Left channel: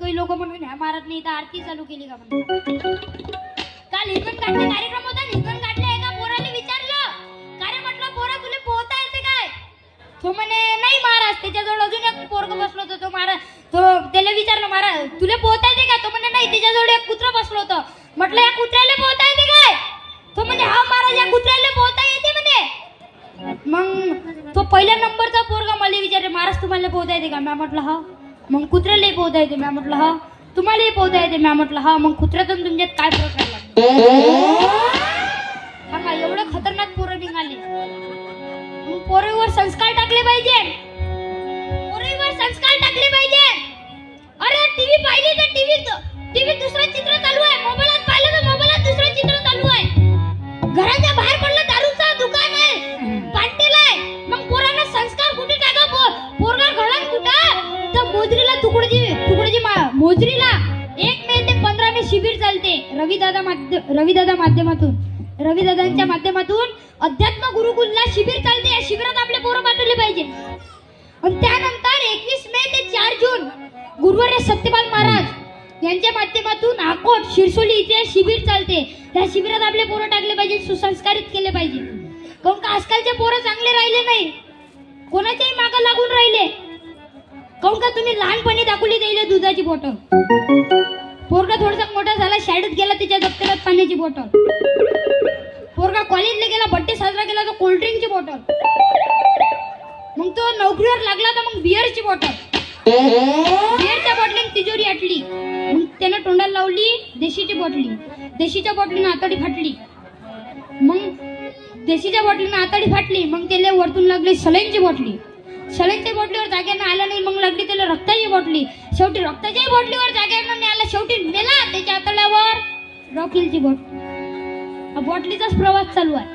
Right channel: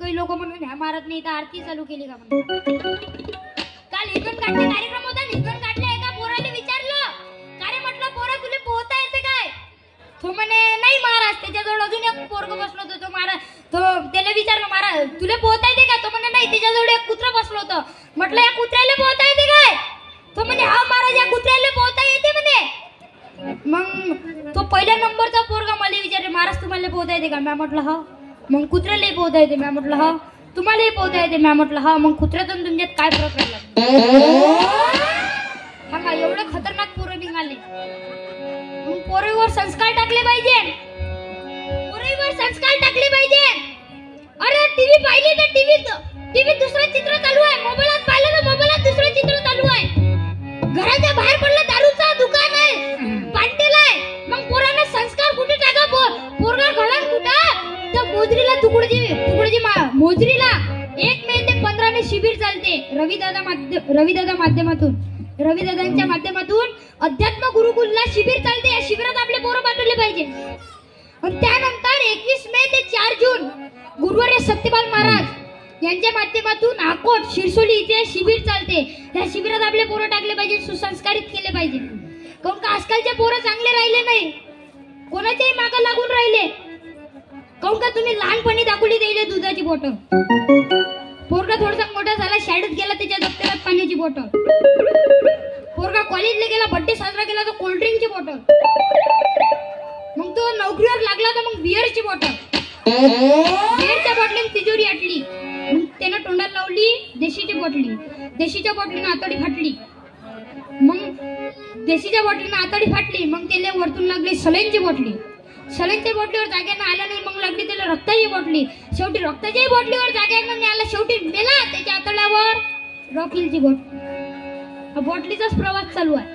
काही लोक म्हणून ह्या मारत नाही तर आरती चालू केली का? काल हिजून काढले कार्यक्रम होता, हिजून काढले. एका पोराने विचारलं, काय म्हटलं पोरा तुला पोहता येते काय? तो म्हणे नाही महाराज. त्याच्याजवळ अजून एक पोरग बसलो होतं. तो महाराज तो त्याला विचारलं, महाराज तुला पोहता येते का? तो म्हणे नाही. त्याच्याजवळ एक कुत्रा बसलो होतं. म्हटलं या कुत्र्याला पोहता येते काय? तो म्हणे हा महाराज या कुत्र्याला पोहता येते म्हणे. मग तो पहिल्या नंबरचा पोरगा मला विचारले, महाराज तुम्हाला पोहता येते का? मी म्हटलं हा. मग कुत्र्यालाही पोहता येते? मी म्हटलं हा. तुम्हालाही पोहता येते? मी म्हटलं हा. मग कुत्र्यातून तुमच्यात काय फरक पडला? हा एवढं खतरनाक पोरं निघाले. पोरीवर संस्कार टाकले पाहिजे, पोरीवर संस्कार टाकले पाहिजे. अरे टीव्ही पाहिली तर टीव्हीत दुसरं चित्र चालू आहे, मोबाईलात पाहिलं तर मोबाईलात दुसरं चित्र चालू आहे. घराच्या बाहेर पडलं दारूचा दुकान आहे, पाटेला आहे. मग पोरांना संस्कार कुठे टाका? पोरगा घडण कुठं? तर मोजरीला तुकडोजी मोजरीला 1 मे ते 15 मे शिबिर चालते. रविदादांच्या माध्यमातून अध्यात्म गुरुकुलला शिबिर चालते. या शिबिरात आपले पोरं पाठवले पाहिजे. आणि त्यानंतर 21 मे ते 4 जून गुरुवर्य सत्यपाल महाराज यांच्या माध्यमातून अकोट शिरसोली इथे शिबिर चालते. या शिबिरात आपले पोरं टाकले पाहिजे, सुसंस्कारित केले पाहिजे. काऊन का आजकालचे पोरं चांगले राहिले नाही, कोणाच्याही मागे लागून राहिले. काऊन का तुम्ही लहानपणी दाखवली दिली दुधाची बॉटल. पोरगा थोडासा मोठा झाला, शाळेत गेला, त्याच्या दप्तरात पाण्याची बॉटल. पोरगा कॉलेजला गेला, बर्थडे साजरा केला तर कोल्ड्रिंकची बॉटल. मग तो नोकरीवर लागला तर मग बिअरची बॉटल. बिअरच्या बॉटलीने तिजोरी आटली. त्यानं तोंडाला लावली देशीची बॉटली. देशीच्या बॉटलीनं आतडी फाटली. मग देशीच्या बॉटलीनं आतडी फाटली. मग त्याला वरतून लागली सलाईनची बॉटली. सलाईनच्या बॉटलीवर जाग्यानं आला नाही. मग लागली त्याला रक्ताची बॉटली. शेवटी रक्ताच्याही बॉटलीवर जाग्यानं नाही आला. शेवटी मेला. त्याच्या आतड्यावर रॉकिलची बॉटली. बॉटलीचाच प्रवास चालू आहे.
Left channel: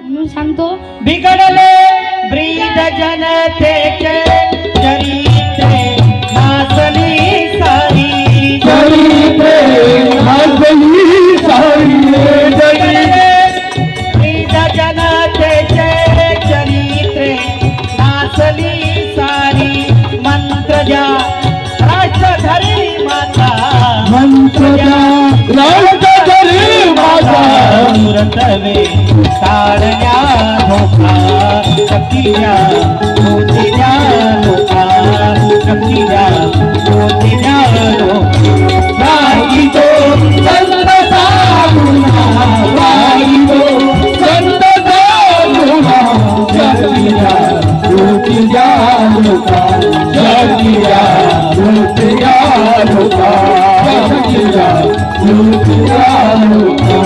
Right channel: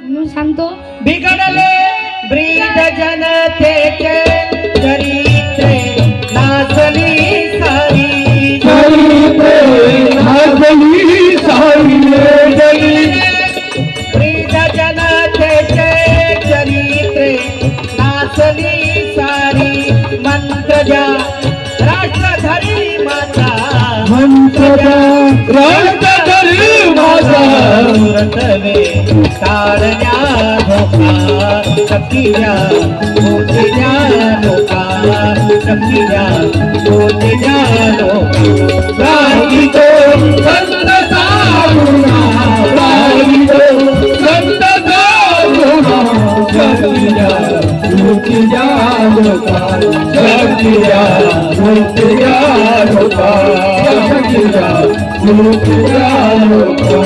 म्हणून सांगतो, बिघडले ब्रीद जनतेचे चरित्रे नाचली सारी. ब्रीद जनतेचे चरित्रे नाचली सारी. मंत्र जा राष्ट्रधरी माता, मंत्र रतवे तारण्या धोका शक्तिया मोतिया लोका. शक्तिया मोतिया लोका. राही तो संत साधुना, राही तो संत साधुना. शक्तिया मोतिया लोका. शक्तिया मोतिया लोका. शक्तिया मोतिया लोका.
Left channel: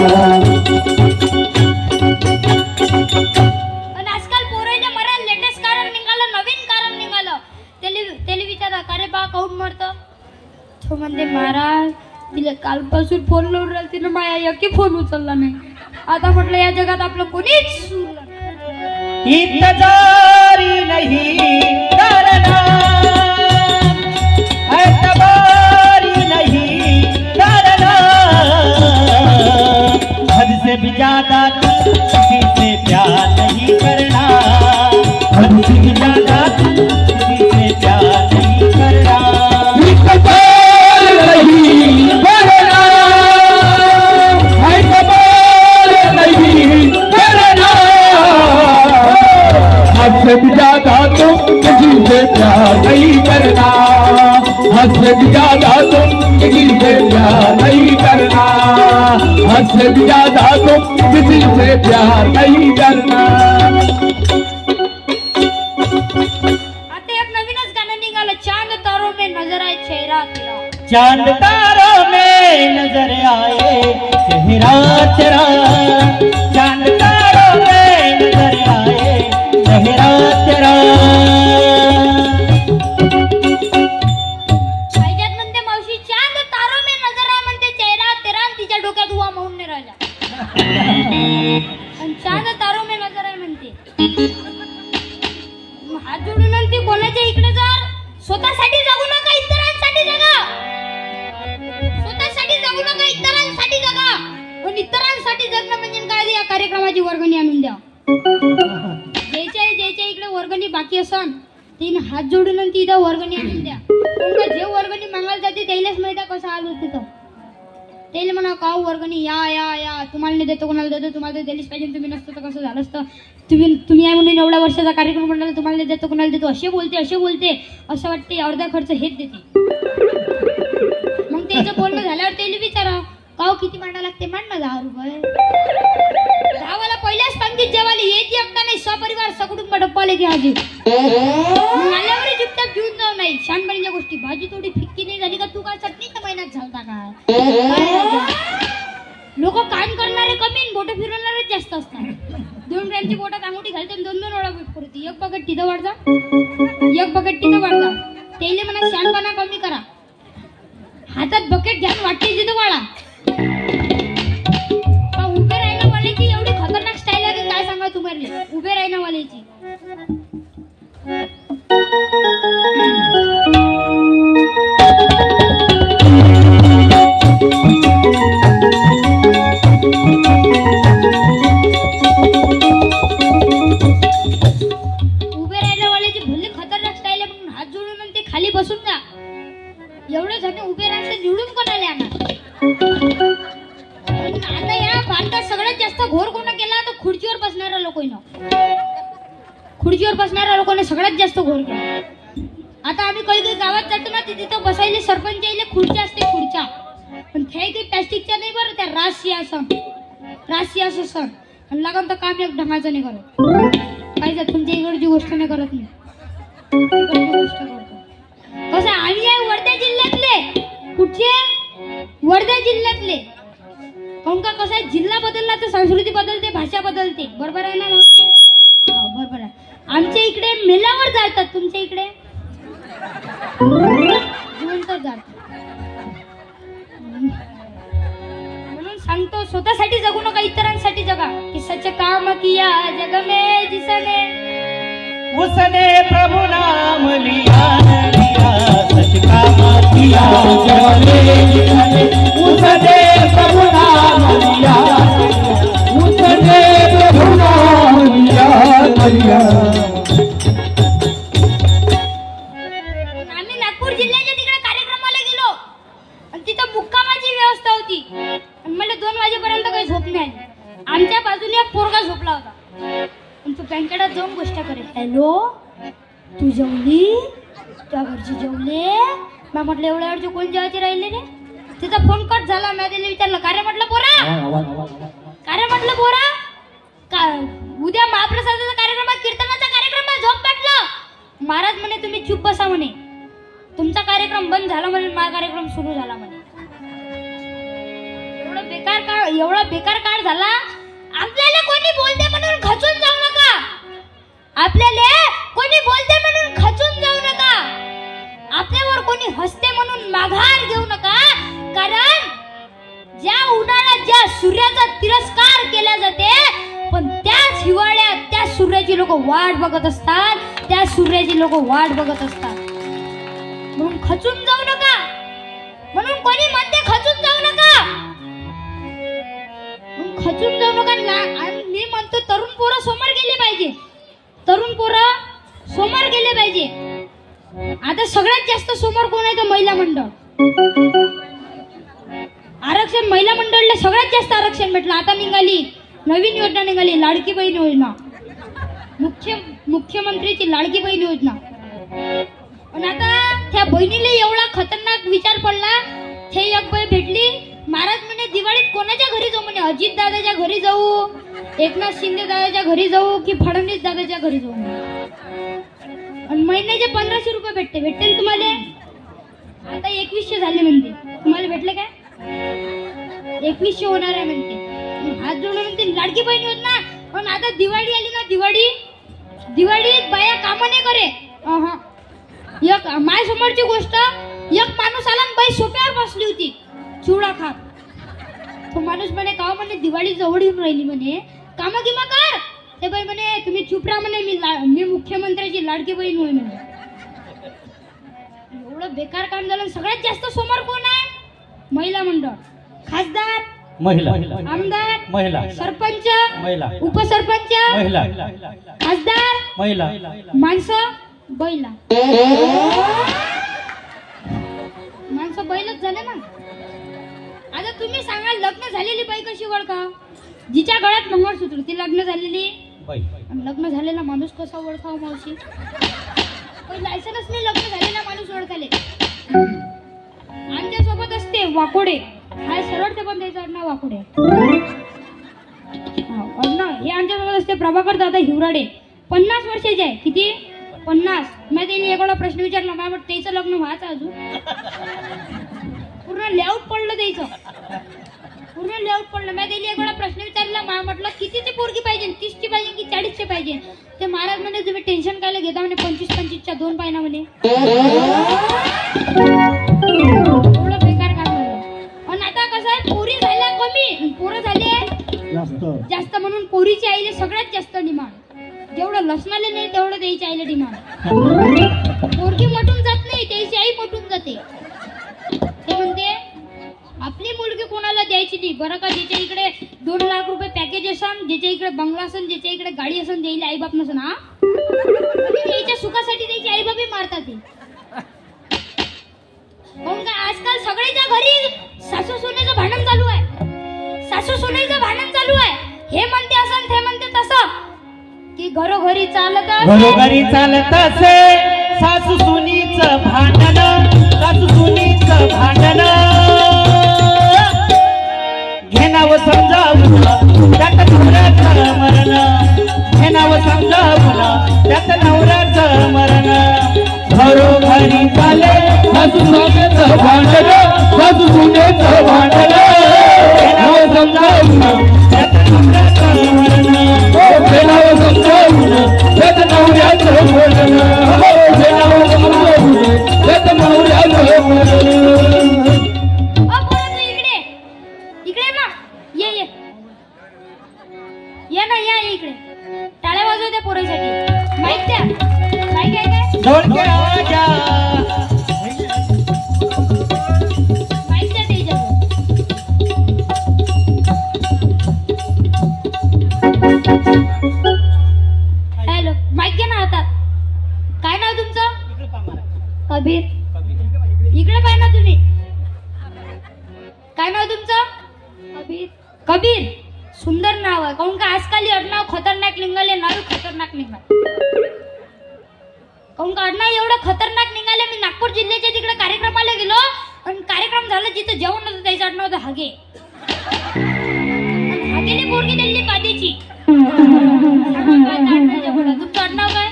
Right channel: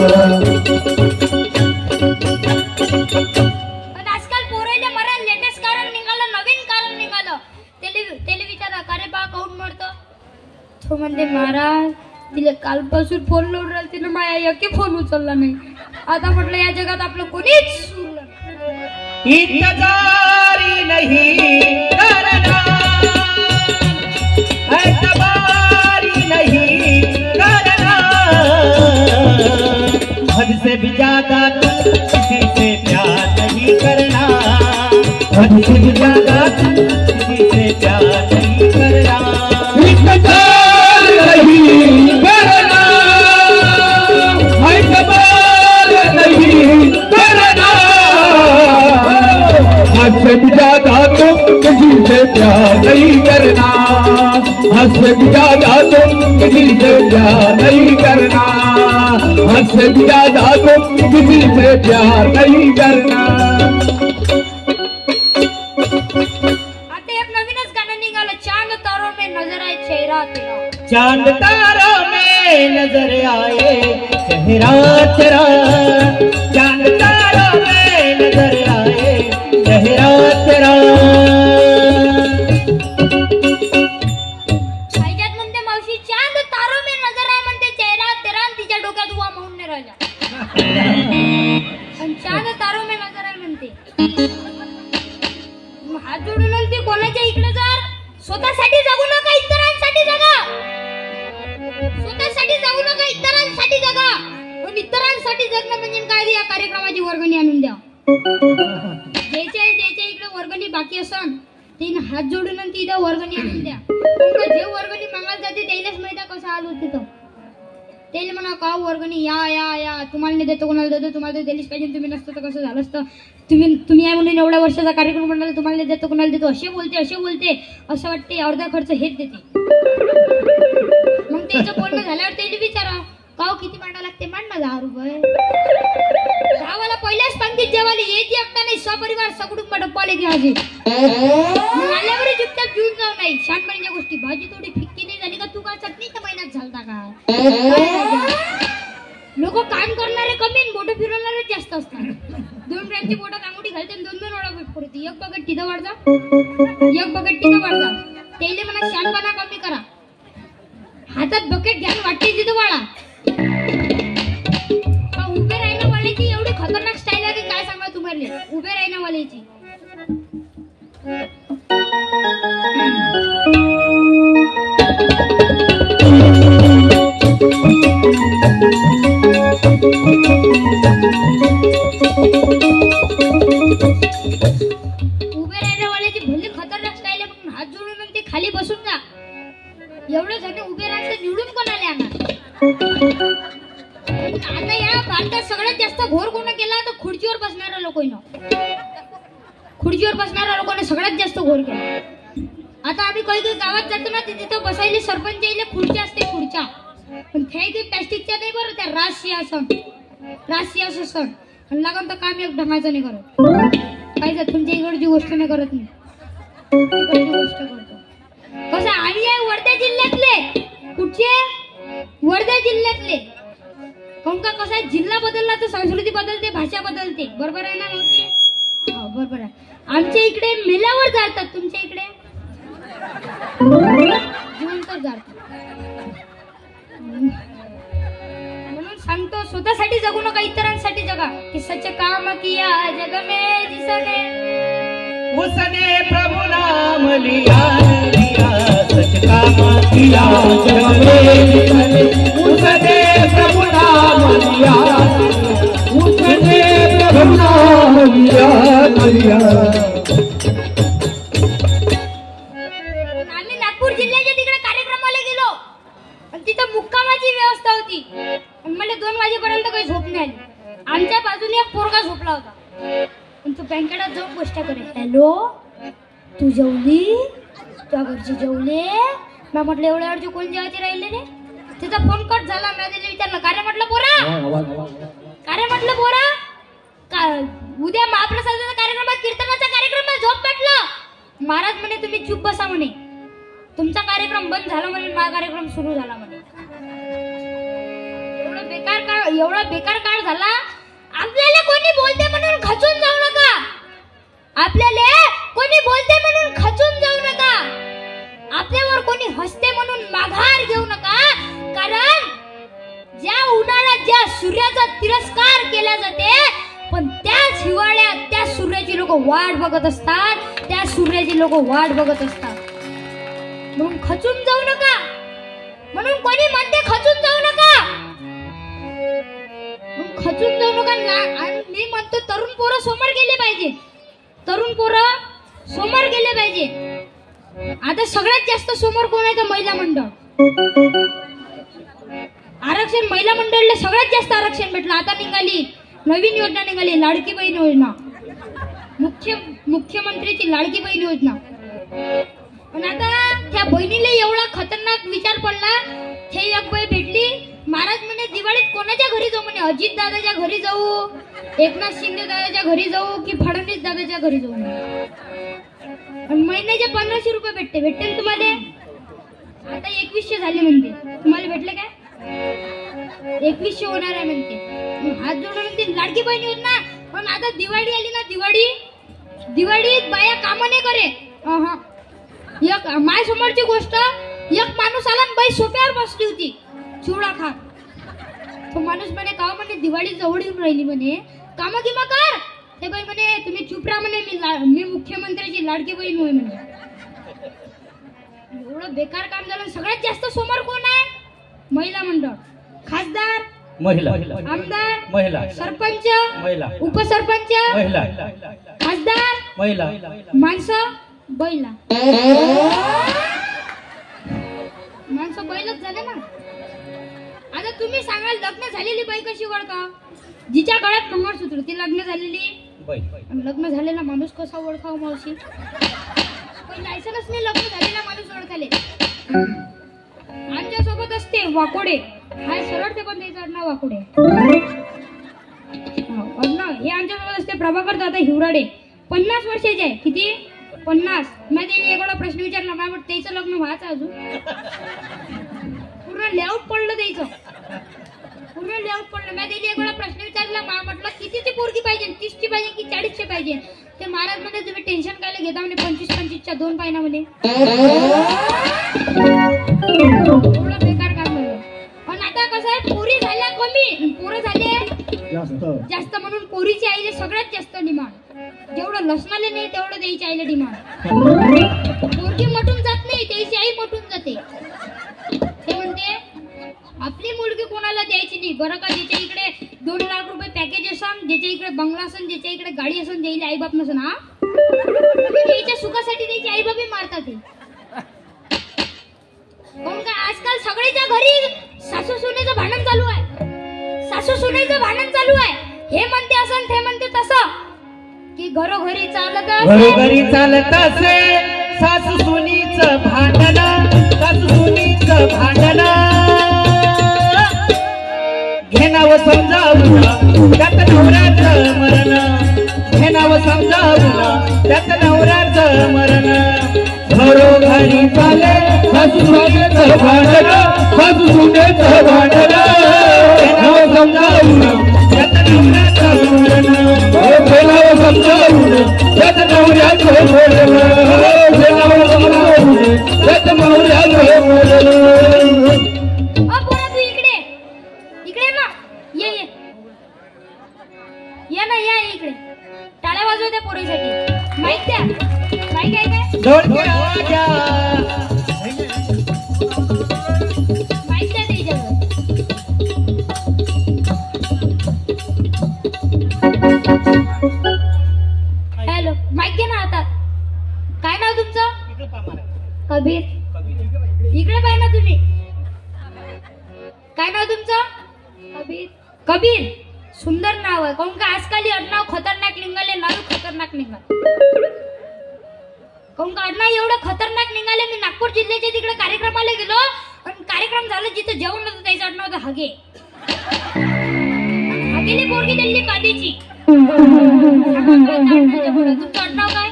म्हणजे महाराज तिला कालपासून फोन लावून राहिला, तिने माझ्या एकी फोन उचलला नाही. आता म्हटलं या जगात आपलं कोणीच इंतजारी नहीं करना, एतबारी नहीं करना. हद से भी ज्यादा किसी से प्यार नहीं करना. हद से भी ज्यादा किसी से प्यार नहीं करना. नहीं करना, एतबार नहीं करना. हद से भी ज्यादा तुम किसी से प्यार नहीं करना. हद से भी ज्यादा तुम किसी से प्यार नहीं करना. हद से भी ज्यादा तुम किसी से प्यार नहीं करना. आता एक नवीनच गाणं निघालं, चांद तारों में नजर आए चेहरा तेरा. चांद तारों में नजर आए चेहरा तेरा. चांद तारों में नजर आए चेहरा तेरा. पाहिजेत म्हणते मावशी, चांद तारों में नजर आए म्हणते चेहरा तेरा. तिच्या डोक्यात हुआ म्हणून नाही राहिला. पण चांद तारों में नजर आए म्हणते. हात जोडून ते कोणाच्या इकडे जर स्वतःसाठी जगू नका, इतरांसाठी जगा. स्वतःसाठी जगू नका, इतरांसाठी जगा. पण इतरांसाठी कार्यक्रमाची वर्गणी आणून द्या. ज्याच्या इकडे वर्गणी बाकी असन तीन हात जोडून आणि तिथं वर्गणी आणून द्या. जे वर्गणी मागायला जाते त्यालाच माहिती कसं आलो तिथं. त्याला म्हणा का वर्गणी या या या तुम्हाला नाही देतो कोणाला देतो तुम्हाला तर दिलीच पाहिजे तुम्ही नसतं तर कसं झालं असतं. तुम्ही या म्हणून एवढ्या वर्षाचा कार्यक्रम म्हणाला तुम्हाला नाही देतो कोणाला देतो असे बोलते असं वाटते अर्धा खर्च हेच देते. मग त्याचं बोलणं झाल्यावर त्याला विचारा का किती मांडा लागते मांड ना 10 रुपये. गावाला पहिल्याच पंक्तीत जेवायला येते एकटा नाही सपरिवार सकुटुंब डप्पाले की हजी आल्यावर चुपचाप घेऊन जाऊ नाही. शानपणीच्या गोष्टी भाजी थोडी फिक्की नाही झाली का तू का चटणीच्या महिन्यात झालता का. लोक काम करणारे कमी आणि बोट फिरवणारे जास्त असतात. 2 ग्रॅमची बोटात अंगठी घालते 2-2 वेळा बोट पडते. एक बकेट तिथं वाढजा एक बकेट तिथं वाढजा. त्याला म्हणा शानपणा कमी करा. हातात बकेट घ्यान वाटते तिथं वाळा. उभे राहणं वाल्याची एवढी खतरनाक स्टाईल आहे काय सांगा तुम्हाला. उभे राहणं वाल्याची भले खतरनाक स्टाईल आहे म्हणून हात जोडून ते खाली बसून जा. एवढं झाले उभे राहते निवडून कोणाला आता या भारतात सगळ्यात जास्त घोर कोण केला तर खुर्चीवर बसणाऱ्या लोकांनी सगळ्यात जास्त घोर केला. आता आम्ही काही गावात जातो ना तिथं बसायला सरपंच यायला खुर्च्या असते खुर्च्या पण त्या काही प्लॅस्टिकच्या नाही बरं त्या राशी असं लागून तर काम एक ढंगाचं नाही करत. काही तुमच्या इकडची गोष्ट नाही करत नाही गोष्ट करतो. कसं आम्ही आहे वर्धा जिल्ह्यातले. कुठचे वर्धा जिल्ह्यातले. काऊन का कसं आहे जिल्हा बदलला तर संस्कृती बदलते भाषा बदलते. बरोबर आहे ना. हो बरोबर आहे. आमच्या इकडे मेल्यावर जातात तुमच्या इकडे जिवंत जातात. म्हणून सांगतो स्वतःसाठी जगू नका इतरांसाठी जगा. की सच काम किया जग में जिसने उसने प्रभु नाम लिया सच काम किया जग में जिसने उसने प्रभु नाम लिया उसने प्रभु नाम लिया. आम्ही नागपूर जिल्ह्याच्या तिकडे कार्यक्रमाला गेलो आणि तिथं मुक्कामाची व्यवस्था होती. मला 2 वाजेपर्यंत काही झोप नाही. आमच्या बाजूने एक पोरगा झोपला होता आणि तो बँकेटात जाऊन गोष्ट करे. हॅलो तू जेवली त्या घरची जेवले. मी म्हटलं एवढ्या वेळचे कोण जेवायचे राहिले रे. तिचा फोन कट झाला. मी त्याला विचारलं का रे म्हटलं पोरा का उद्या महाप्रसादाचा कार्यक्रम कीर्तनाचा कार्यक्रम झोप पाटलं. महाराज म्हणे तुम्ही चुप बसा म्हणे. तुमचा कार्यक्रम बंद झाला म्हणे माझा कार्यक्रम सुरू झाला म्हणे. एवढा बेकार काळ झाला. आपल्याला कोणी बोलते म्हणून खचून जाऊ नका. आपल्याला कोणी बोलते म्हणून खचून जाऊ नका. आपल्यावर कोणी हसते म्हणून माघार घेऊ नका. कारण ज्या उन्हाळ्यात ज्या सूर्याचा तिरस्कार केला जाते पण त्याच हिवाळ्यात त्या सूर्याची लोक वाट बघत असतात. म्हणून खचून जाऊ नका. म्हणून कोणी म्हणते खचून जाऊ नका. आणि मी म्हणतो तरुण पोरं समोर गेले पाहिजे. आता सगळ्यात जास्त समोर कोण आहे तर महिला मंडळ. आरक्षण महिला मंडळला सगळ्यात जास्त आरक्षण भेटलं. आता निघाली नवीन योजना निघाली लाडकी बहीण योजना. मुख्यमंत्रीची लाडकी बहीण योजना. पण आता त्या बहिणीला एवढा खतरनाक विचार पडला. हे एक बाई भेटली. महाराज म्हणे दिवाळीत कोणाच्या घरी जाऊ म्हणे. अजित दादाच्या घरी जाऊ एकनाथ शिंदे दादाच्या घरी जाऊ की फडणवीस दादाच्या घरी जाऊ. महिन्याचे 1500 रुपये भेटते तुम्हाला. आता 2100 झाले म्हणते. तुम्हाला भेटले काय. 2100 होणार आहे म्हणते. हात जोडून म्हणते लाडकी बहीण योजना. पण आता दिवाळी आली ना दिवाळीत बाया काम नाही करे. एक माय समोरची गोष्ट एक माणूस आला आणि बाई सोप्यावर बसली होती चिवडा खात. तो माणूस म्हणे का म्हणे दिवाळी जवळ येऊन राहिली म्हणे काम किंवा कर. ते बाई म्हणे तुम्ही चुप राहा म्हणे मी मुख्यमंत्र्याची लाडकी बहीण होईल म्हणे. एवढं बेकार काम झालं. सगळ्यात जास्त समोर कोण आहे. महिला मंडळ. खासदार महिला आमदार महिला सरपंच महिला उपसरपंच महिला खासदार महिला माणसं बैला माणसं बैलच झाले ना. आता तुम्ही सांगा लग्न झालेली बाई कशी ओळखा? जिच्या गळ्यात मंगळसूत्र ती लग्न झालेली बाई. लग्न झालेला माणूस कसा ओळखाव मावशी? लायसन्स नाही लग्न झालेला माणूस ओळखाले. आमच्या सोबत असते वाकोडे हाय सरळ ते पण त्याचं आडनाव वाकोडे हे आमच्या सोबत असते प्रभाकर दादा हिवराडे 50 वर्षाचे आहे. किती 50? मी त्यांनी एवढा प्रश्न विचारला मला वाटतं त्याचं लग्न व्हायचं अजून पूर्ण लेआउट पडलं द्यायचं पूर्ण लेआउट पडलं. मी त्याला एवढा प्रश्न विचारला मला म्हटलं कितीची पोरगी पाहिजे 30ची पाहिजे की 40ची पाहिजे? ते महाराज मध्ये तुम्ही टेन्शन कायला घेता म्हणे 25-25च्या 2 पाहिजे म्हणे. बेकार काम म्हणलं. पण आता कसं आहे पोरी झाल्या कमी पोरं झाले जास्त म्हणून पोरीची आईले सगळ्यात जास्त डिमांड. जेवढं लसणाले नाही तेवढं द्यायची आईला डिमांड. पोरगी मोठून जात नाही त्याची आई मोठून जाते. ते म्हणते आपली मुलगी कोणाला द्यायची नाही बरं का? ज्याच्या इकडे 2 लाख रुपये पॅकेज असन ज्याच्या इकडे बंगला असन ज्याच्या इकडे गाडी असन द्यायला आई बाप नसन. हा त्याच्या सुखासाठी त्याची आई बाप मारतात. कोण का आजकाल सगळ्याच्या घरी सासू सुनेचं भांडण चालू आहे. सासू सुनेचं भांडण चालू आहे. हे म्हणते असं ते म्हणते तसं की घरोघरी चालत असे सासू सुनीचं भांडण सासू सुनीचं भांडण घेणावं समजावून त्यात नवऱ्याचं मरण घेणावं समजावून त्यात नवऱ्याचं मरण घरोघरी चाले सासू सुनेचं भांडण सासू सुनेचं भांडण घेणावं समजावून त्यात नवऱ्याचं मरण घेणावं समजावून त्यात नवऱ्याचं मरण घेणावं समजावून त्यात नवऱ्याचं मरण. टाळ्या वाजवू दे पोरीसाठी. माईक द्या. माईक आहे काय? माईक द्या त्याच्यावर. हॅलो माईक घे ना हातात. काय नाव तुमचं? कबीर. इकडे पाय ना तुम्ही. काय नाव तुमचं? कबीर. कबीर सुंदर नाव आहे. काऊन का आजकाल आडनाव खतरनाक निघाले. नाव खतरनाक निघाले. काऊन का आडनाव एवढे खतरनाक निघाले. मी नागपूर जिल्ह्याच्या तिकडे कार्यक्रमाला गेलो आणि कार्यक्रम झाला जिथे जेवण होतं त्याचं आडनाव होतं हगे. हगेली पोरगी दिली कादेची. तुमचं आडनाव काय?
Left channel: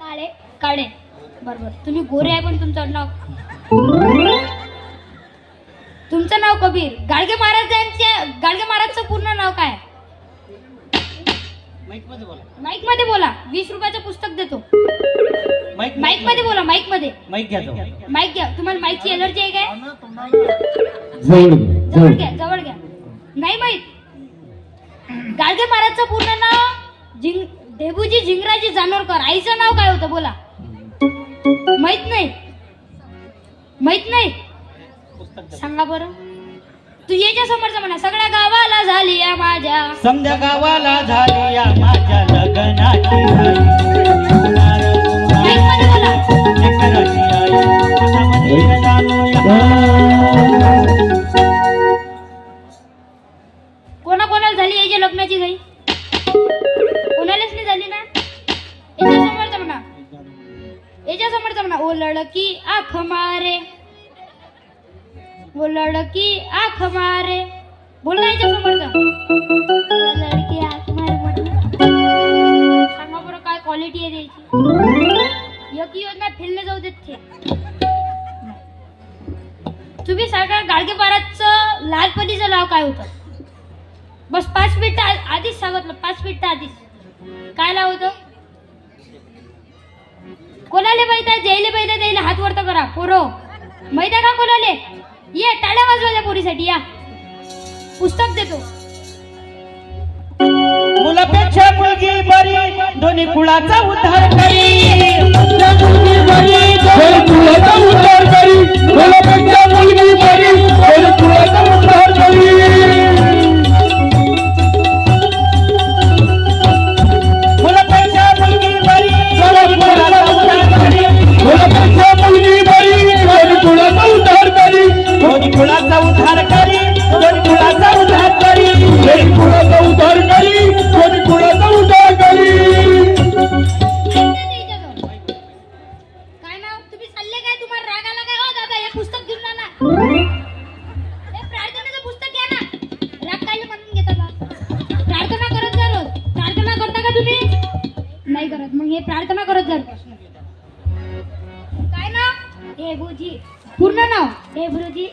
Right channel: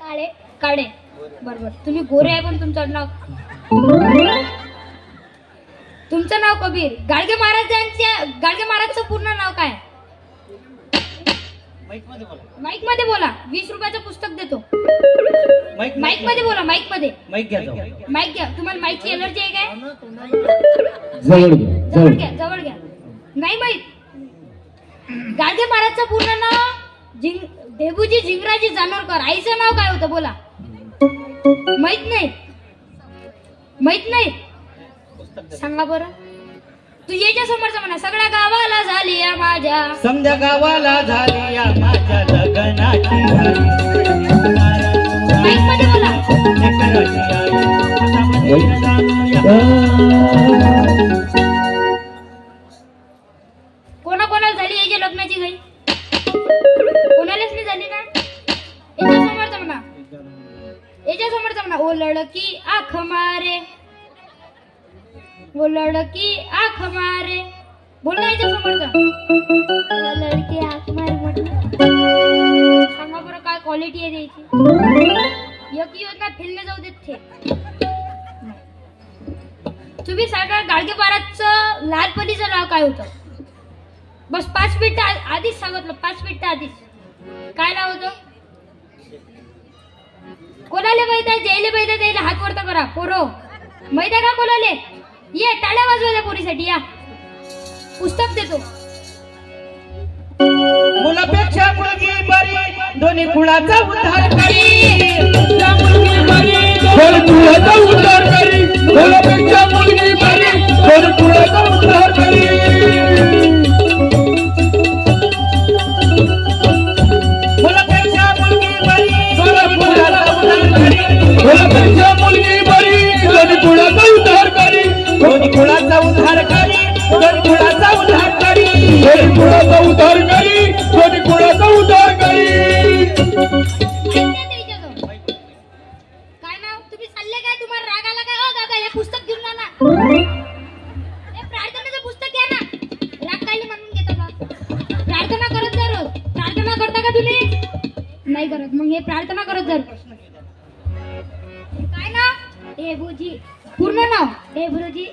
काळे. काळे बरोबर. तुम्ही गोरे आहे पण तुमचं आडनाव. तुमचं नाव कबीर. गाडगे महाराजचं पूर्ण नाव काय? माईक मध्ये बोला. 20 रुपयाचं पुस्तक देतो. माईक मध्ये बोला. माईक मध्ये. माईक घ्या. तुम्हाला माईकची एलर्जी आहे काय? जवळ घ्या. नाही माहित. गाडगे महाराजचं पूर्ण नाव देबूजी झिंगराजी जानोरकर. आईचं नाव काय होतं बोला? माहित नाही. सांगा बरं. तू याच्या समोरचा म्हणा. सगळ्या गावाला झाली या माझ्या समजा गावाला झाली या माझ्या लग्नाची कोणाकोणाला झाली याच्या लग्नाची घाई? कोणालाच नाही झाली ना. याच्या समोरचा म्हणा. ओ लड़की आँख मारे वो लड़की आँख मारे. बोल याच्या समोरचा. लड़की आँख मारे. सांगा बरं काय क्वालिटी आहे त्याची? एक योजना फिरले जाऊ देत थे. तुम्ही सांगा गाडगे महाराजचं लहानपणीचं नाव काय होतं? बस 5 मिनिटं आधीच सांगितलं. 5 मिनिटं आधीच काय नाव होतं? कोणाले माहित आहे? जयले माहित आहे त्याला हात वरत करा. पोरो माहित आहे का कोणाले? ये टाळ्या वाजवायला पोरीसाठी या. पुस्तक देतो. मुलापेक्षा मुलगी बरी दोन्ही कुळाचा उद्धार करी. मुलगी बरी दोन्ही कुळाचा उद्धार करी. मुलापेक्षा मुलगी बरी दोन्ही कुळाचा उद्धार करी. मग हे प्रार्थना करत जर काय ना देवजी पूर्ण नाव देवजी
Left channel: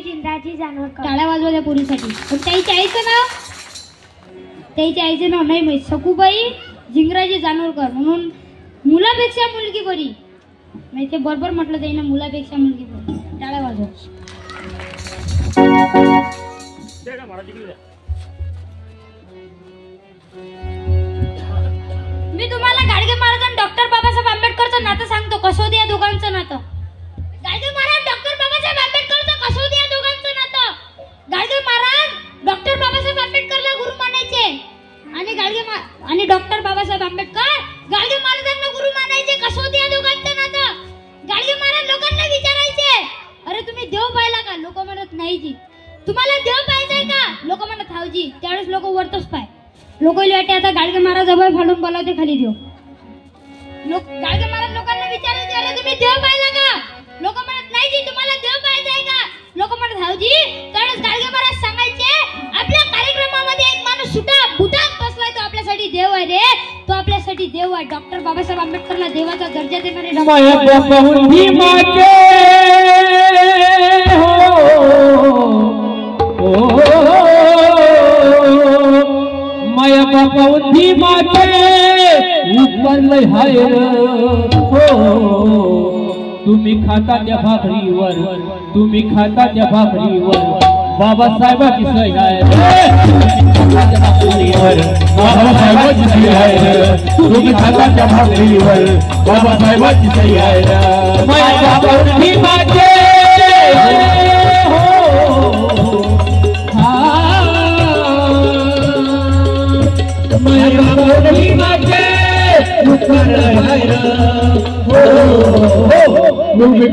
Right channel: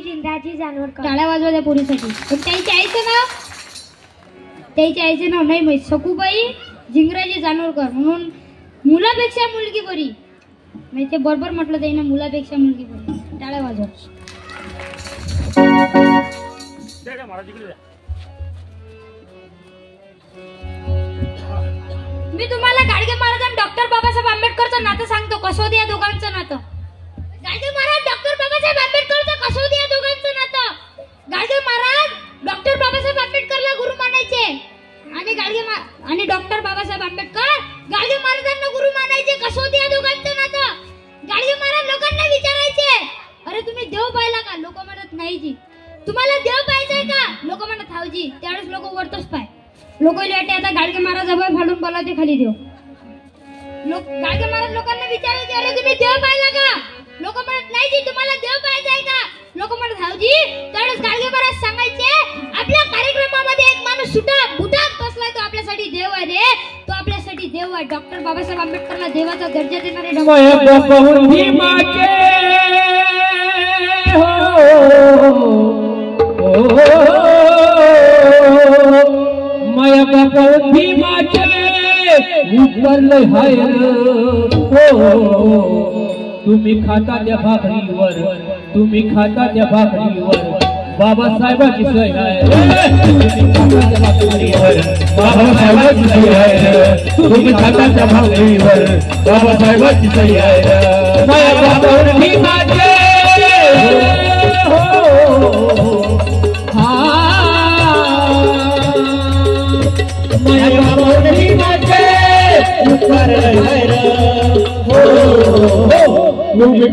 जिंदाजी जानोरकर. टाळ्या वाजवा त्या पोरीसाठी. पण त्याच्या आईचं नाव नाही माहित. सखूबाई जिंगराजी जानोरकर. म्हणून मुलापेक्षा मुलगी बरी. नाही ते बरोबर म्हटलं त्याने मुलापेक्षा मुलगी बरी. टाळ्या वाजवा. मी तुम्हाला गाडगे महाराज आणि डॉक्टर बाबासाहेब आंबेडकरचं नातं सांगतो. कसोदी या दोघांचं नातं. गाडगे महाराज डॉक्टर बाबासाहेब आंबेडकरचं कसोदी या दोघांचं नातं. गाडगे महाराज डॉक्टर बाबासाहेब आंबेडकरला गुरु मानायचे आणि डॉक्टर बाबासाहेब आंबेडकर गाडगे महाराजांना गुरु मानायचे. कसोदी या दोघांचं नातं. गाडगे महाराज लोकांना विचारायचे, अरे तुम्ही देव पाहिला का? लोक म्हणत नाही जी. तुम्हाला देव पाहिजे का? लोक म्हणत हाव जी. त्यावेळेस लोक वरतोच पाय. लोक वाटे आता गाडगे महाराज अभय फाडून बोलावते खाली देव. गाडगे महाराज लोकांना विचारायचे, अरे तुम्ही देव पाहिला का? लोक म्हणत नाही जी. तुम्हाला देव पाहिजे का? लोक म्हणत हाव जी. त्यावेळेस गाडगे महाराज सांगायचे, आपल्या कार्यक्रमामध्ये एक माणूस बुटात बसलाय, तो आपल्यासाठी देव आहे रे. तो आपल्यासाठी देव आहे. डॉक्टर बाबासाहेब आंबेडकरला देवाचा दर्जा देणारे डॉक्टर. माया बापी माटे ऊपर लय हायर हो. तुम्ही खाता त्या भाकरीवर बाबासाहेबांची सही आहे. तुम्ही खाता त्या भाकरीवर बाबासाहेबांची सही आहे. माया बापी माटे तुम्ही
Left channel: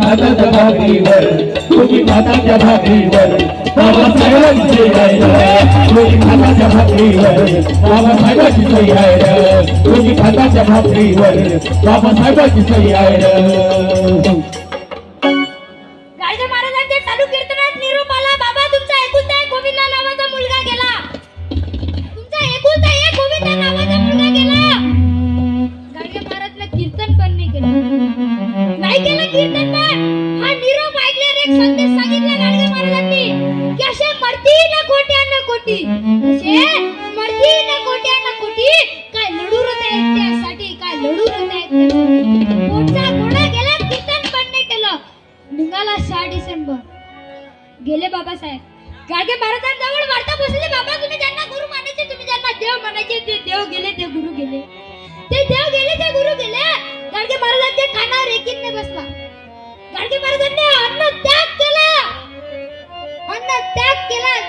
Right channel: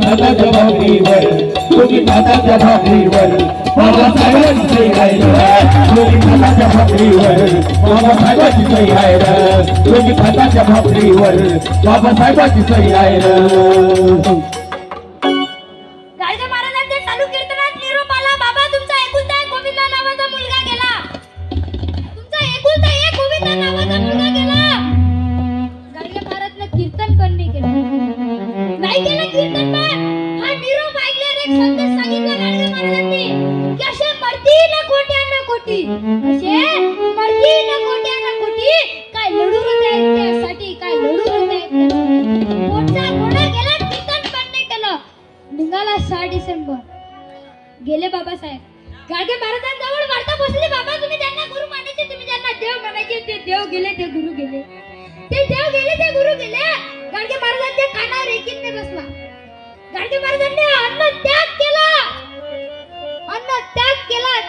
खाताच्या भाकरीवर बाबासाहेबांची सही आहे. तुम्ही खाताच्या भाकरीवर बाबासाहेबांची सही आहे. तुम्ही खाताच्या भाकरीवर बाबासाहेबांची सही आहे. गाडगे महाराजांचे चालू कीर्तनात निरोप आला, बाबा तुमचा एकुलता एक गोविंदा नावाचा मुलगा गेला. तुमचा एकुलता एक गोविंदा नावाचा मुलगा गेला. गाडगे महाराजने कीर्तन पण नाही केलं. नाही केलं कीर्तन पण. हा निरोप ऐकल्यावर एक संदेश सांगितला गाडगे महाराजांनी की असे मरतील कोट्यानं कोटी. असे मरतील कोट्यानं कोटी. काय लढू त्यासाठी, काय लढू पोटचा घोडा गेला. कीर्तन पण नाही केलं. निघाला 6 डिसेंबर. गेले बाबासाहेब. गाडगे महाराजांजवळ वार्ता बसले, बाबा तुम्ही ज्यांना गुरु मानायचे, तुम्ही ज्यांना देव मानायचे, ते देव गेले, ते गुरु गेले. ते देव गेले, ते गुरु गेले. गाडगे महाराजांच्या कानावर एकीने बसला. गाडगे महाराजांनी अन्न त्याग केला.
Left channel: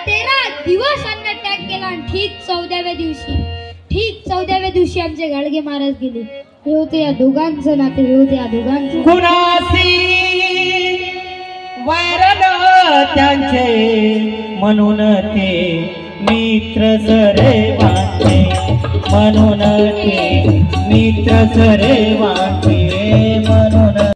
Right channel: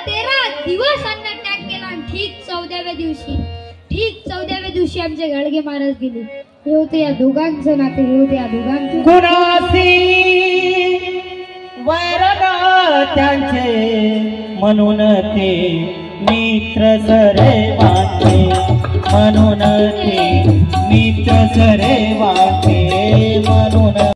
13 दिवस अन्न त्याग केला. आणि ठीक 14व्या दिवशी आमचे गाडगे महाराज गेले. हे होते या दोघांचं नाते. हे होते या दोघांचं. कुणासी वैरण त्यांचे म्हणून ते मित्र सरे वाटे. म्हणून ते मित्र सरे वाटे.